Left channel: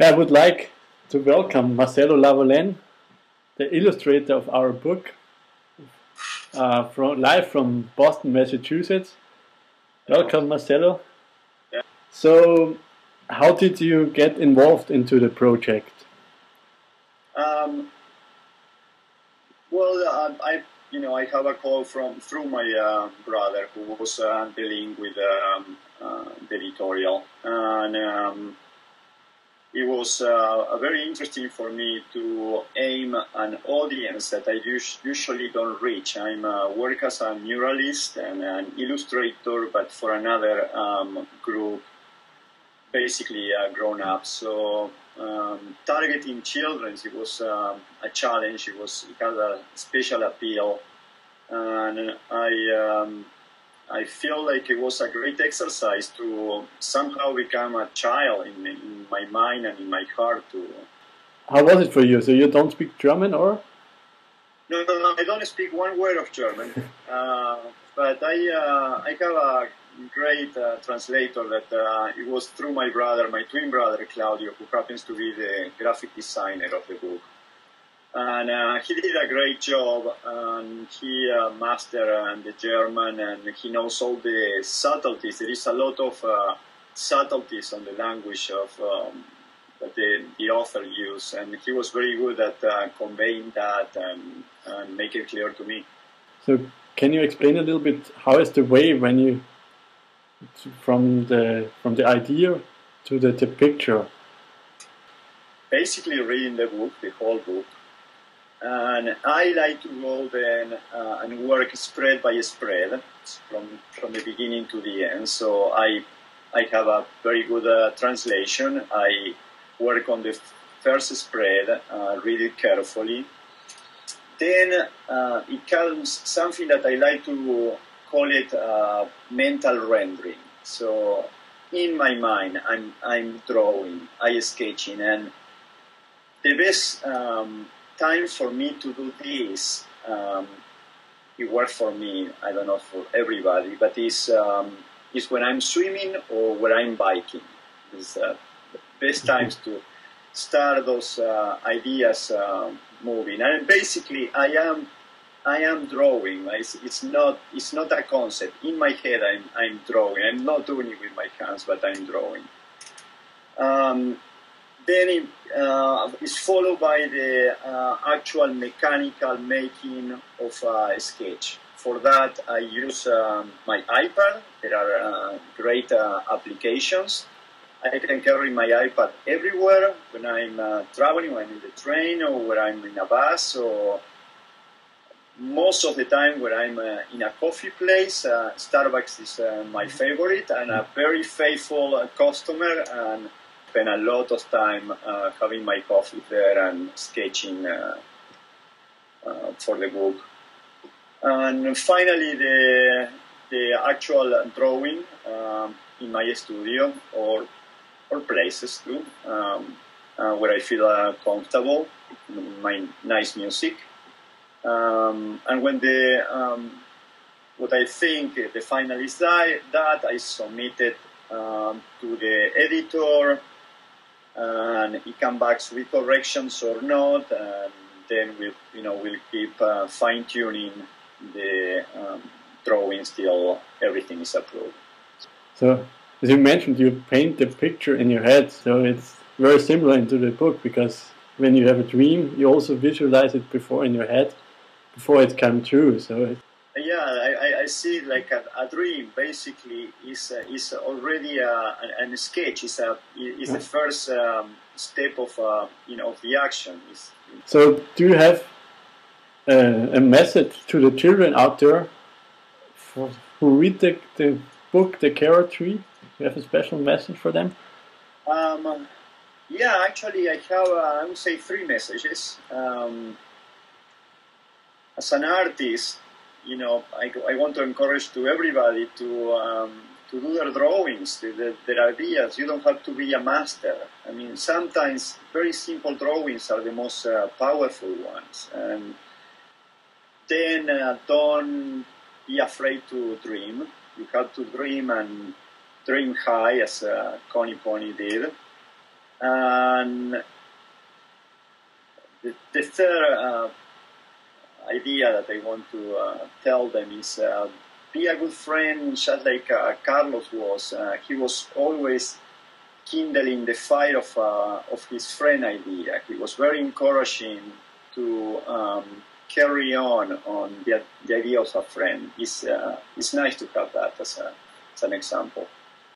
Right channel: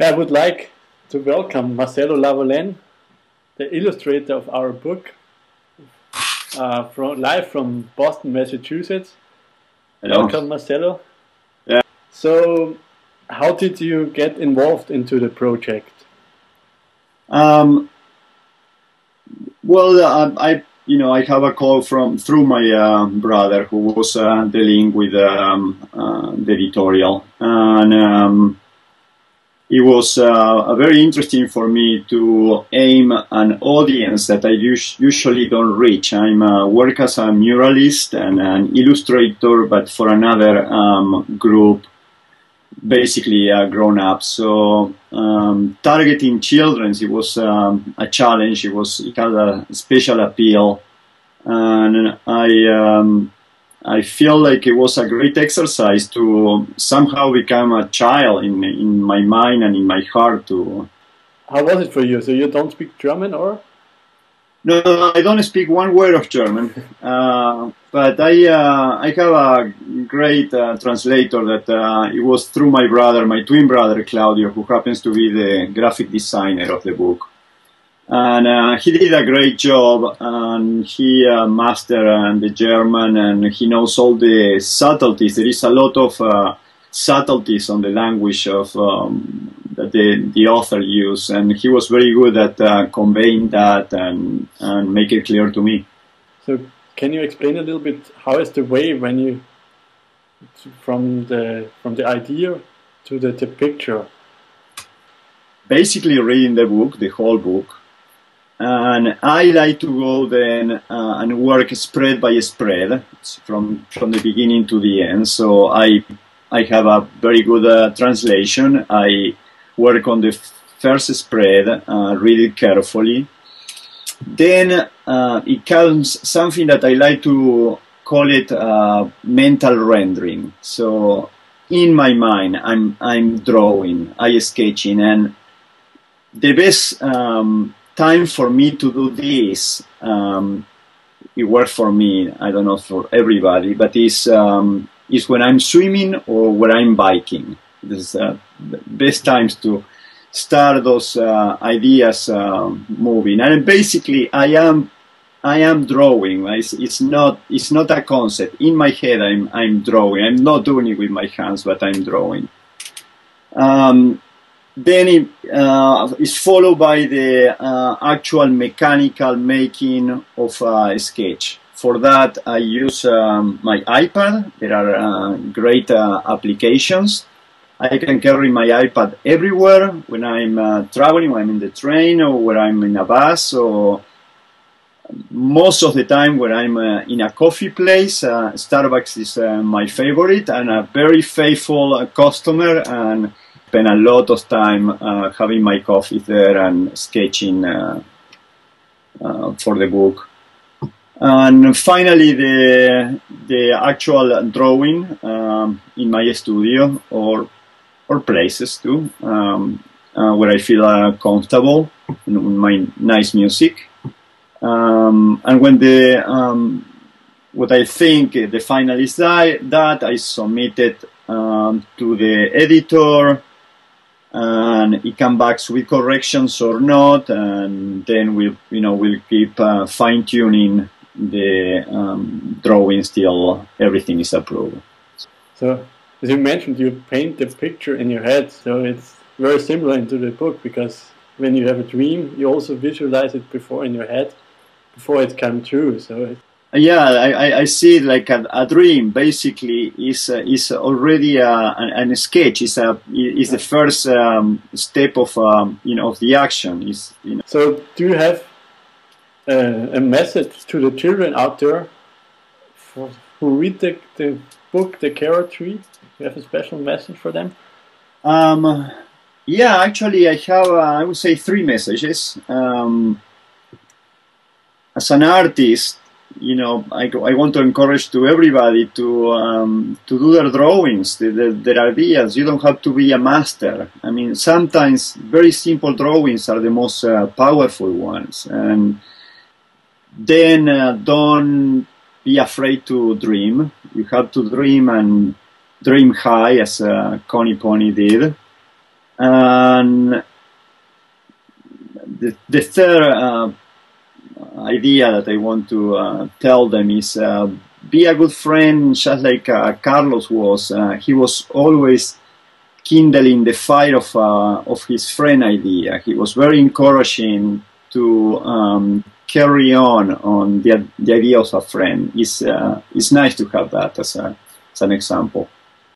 I would like to welcome Marcelo Lavallén, the illustrator of our book, live from Boston, Massachusetts. Hello. Welcome, Marcelo. Yeah. So, how did you get involved into the project? Well, I have a call through my brother who was dealing with the editorial, and it was very interesting for me to aim an audience that I usually don't reach. I work as a muralist and an illustrator, but for another group, basically grown-ups. So targeting children, it was a challenge. It had a special appeal, and I feel like it was a great exercise to somehow become a child in my mind and in my heart. How was it for you? So you don't speak German, or? No, I don't speak one word of German, but I have a great translator that it was through my brother, my twin brother Claudio, who happens to be the graphic designer of the book. And he did a great job, and he mastered the German, and he knows all the subtleties. There is a lot of subtleties on the language of that the author used, and he was very good at conveying that and make it clear to me. So can you explain a little bit how is the way when you from the idea to the picture? Basically reading the book, the whole book, and I like to go then and work spread by spread from the beginning to the end. So I have a very good translation. I work on the first spread, read it carefully. Then it comes something that I like to call it mental rendering. So in my mind, I'm drawing, I'm sketching, and the best time for me to do this, it works for me. I don't know for everybody, but is when I'm swimming or when I'm biking. This is the best times to start those ideas moving. And basically, I am drawing. It's not a concept in my head. I'm drawing. I'm not doing it with my hands, but I'm drawing. Then it is followed by the actual mechanical making of a sketch. For that, I use my iPad. There are great applications. I can carry my iPad everywhere when I'm traveling, when I'm in the train, or when I'm in a bus, or most of the time when I'm in a coffee place. Starbucks is my favorite and a very faithful customer, and spend a lot of time having my coffee there and sketching for the book. And finally, the actual drawing in my studio or places too, where I feel comfortable with my nice music. And when what I think the final is that I submit it to the editor, and it comes back with corrections or not, and then we'll keep fine-tuning the drawings till everything is approved. So, as you mentioned, you paint the picture in your head, so it's very similar into the book, because when you have a dream, you also visualize it before in your head, before it comes true. So yeah, I see it like a dream. Basically, is already a sketch. Is the first step of of the action. So, do you have a message to the children out there who read the book, The Carrot Tree? You have a special message for them? Yeah, actually, I have I would say 3 messages. As an artist, I want to encourage to everybody to do their drawings, their ideas. You don't have to be a master. I mean, sometimes very simple drawings are the most powerful ones. And then don't be afraid to dream. You have to dream, and dream high, as Conny did. And the third idea that I want to tell them is be a good friend, just like Carlos was. He was always kindling the fire of his friend idea. He was very encouraging to carry on the idea of a friend. It's nice to have that as an example.